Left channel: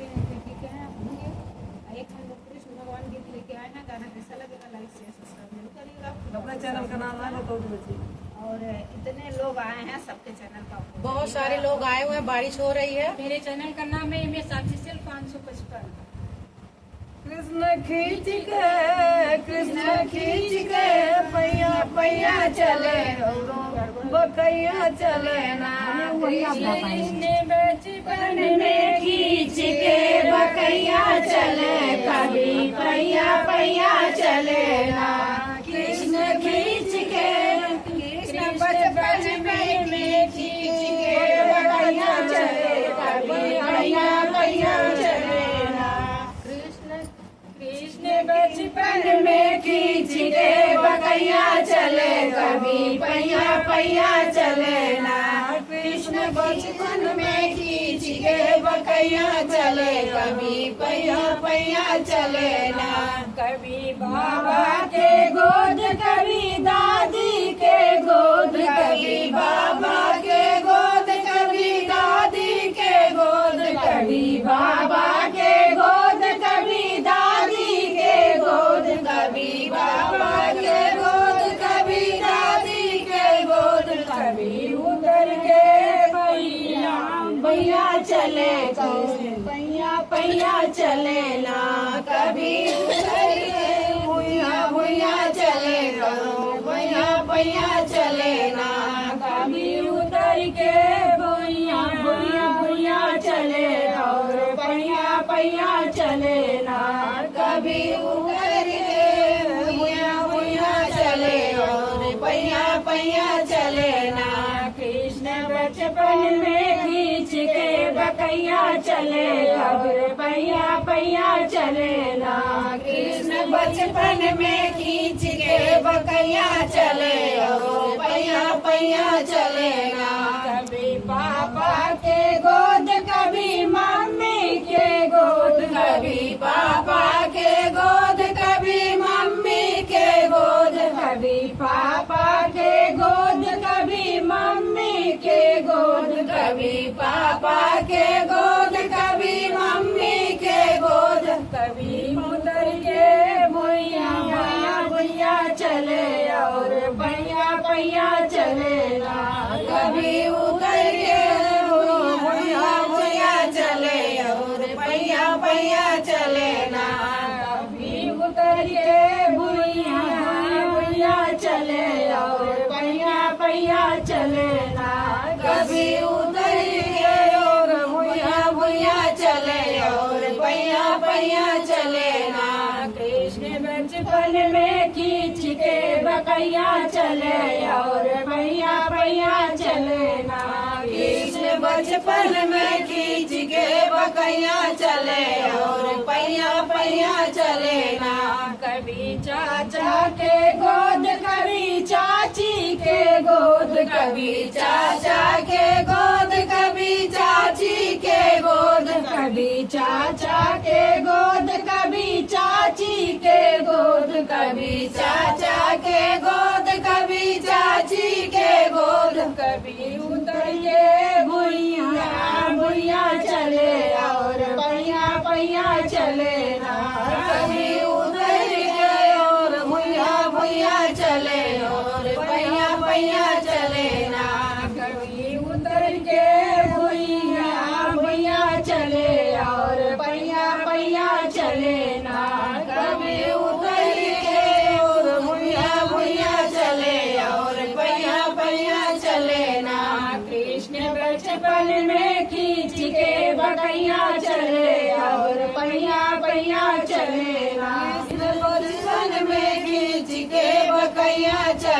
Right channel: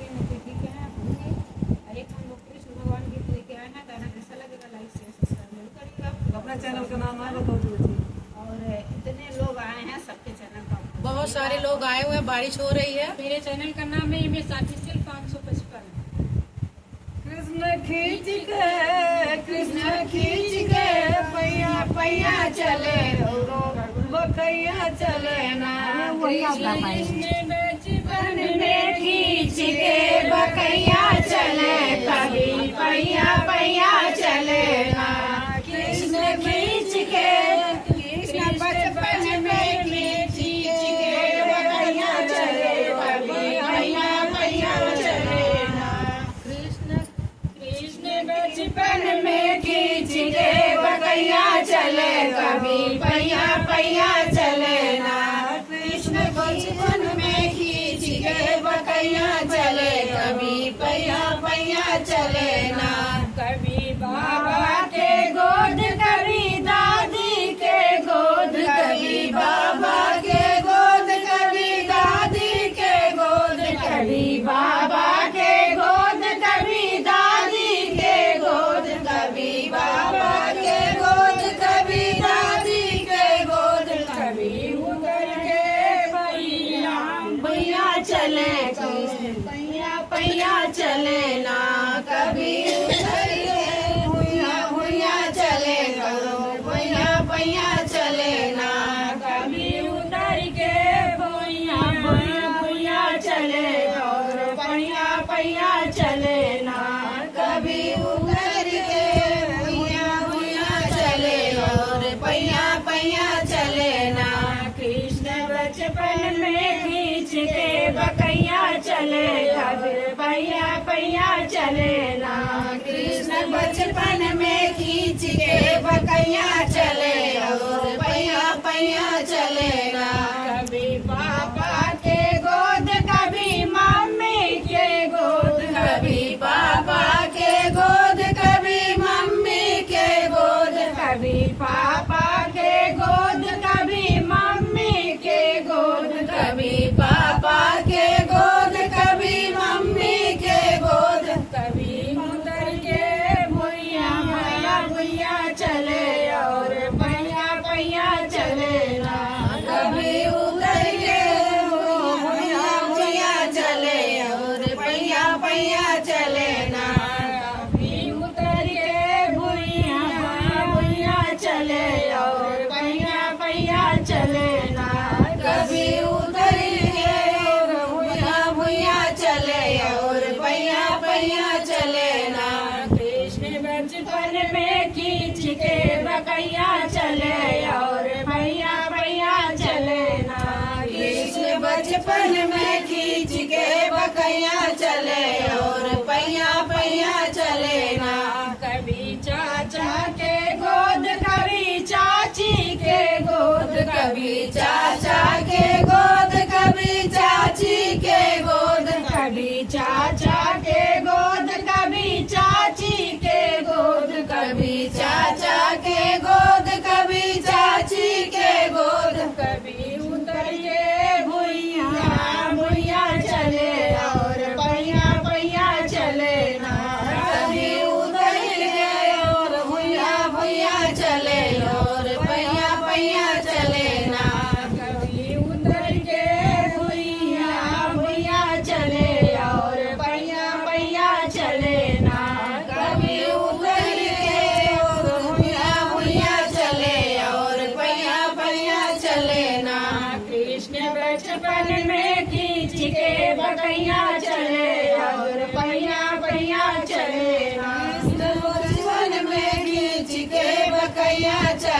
देखिए क्या है होंगे। एक हम लोग कृष्ण भगवान गीत लेके आए हैं। गाना कैसा लगेगा लाइक शेयर सब्सक्राइब जरूर करिएगा। अपना चैनल का नाम है बताओ बच्चे। और इतने लोग आए हैं, सबके चैनल का बहुत सारे लोग आए हुए हैं, बारिश हो रही है। मेरे चैनल का नाम है MS ऑफिशियल 555। कृष्ण खींच के पैया पैया चले बकैया चले ना। कृष्ण बचपन में खींच के बकैया चले कभी पैया पैया चले ना। कृष्ण खींच के कृष्ण बचपन में खींच के बकैया चले कभी पैया पैया चले ना। कृष्ण बचपन में खींच के बकैया चले कभी पैया पैया चले ना। कृष्ण बचपन में खींच के बकैया चले कभी पैया पैया चले ना। कभी बाबा के गोद कभी दादी के गोद कभी बाबा के गोद कभी दादी के गोद कभी बाबा के गोद कभी दादी के गोद कभी बाबा के गोद कभी दादी के गोद कभी उतर के भैया भैया चले पैया पैया चले ना। कभी उतर के भैया भैया चले करो भैया भैया चले ना। कभी उतर के भैया भैया भैया चले और पैया पैया चले ना। कभी उतर के भैया भैया चले और पैया पैया चले ना। कृष्ण बचपन में खींच के बकैया चले और पैया पैया चले ना। कृष्ण बचपन में खींच के बकैया चले और पैया पैया चले ना। कभी पापा के गोद कभी मम्मी के गोद कभी पापा के गोद कभी मम्मी के गोद कभी पापा के गोद कभी मम्मी के गोद कभी पापा के गोद कभी मम्मी के गोद कभी उतर के भैया भैया चले और पैया पैया चले ना। कभी उतर के भैया भैया चले और पैया पैया चले ना। कभी उतर के भैया भैया चले और पैया पैया चले ना। कभी उतर के भैया भैया चले और पैया पैया चले ना। कृष्ण बचपन में खींच के बकैया चले और पैया पैया चले ना। कृष्ण बचपन में खींच के बकैया चले और पैया पैया चले ना। कभी चाचा के गोद कभी चाची के गोद कभी चाचा के गोद कभी चाची के गोद कभी चाचा के गोद कभी चाची के गोद कभी चाचा के गोद कभी चाची के गोद कभी उतर के भैया भैया चले और पैया पैया चले ना। कभी उतर के और भैया भैया चले और पैया पैया चले ना। कभी उतर के भैया भैया चले और पैया पैया चले ना। कभी उतर के और भैया भैया चले और पैया पैया चले ना। कृष्ण बचपन में खींच के बकैया चले और पैया पैया चले ना। कृष्ण बचपन में खींच के बकैया चले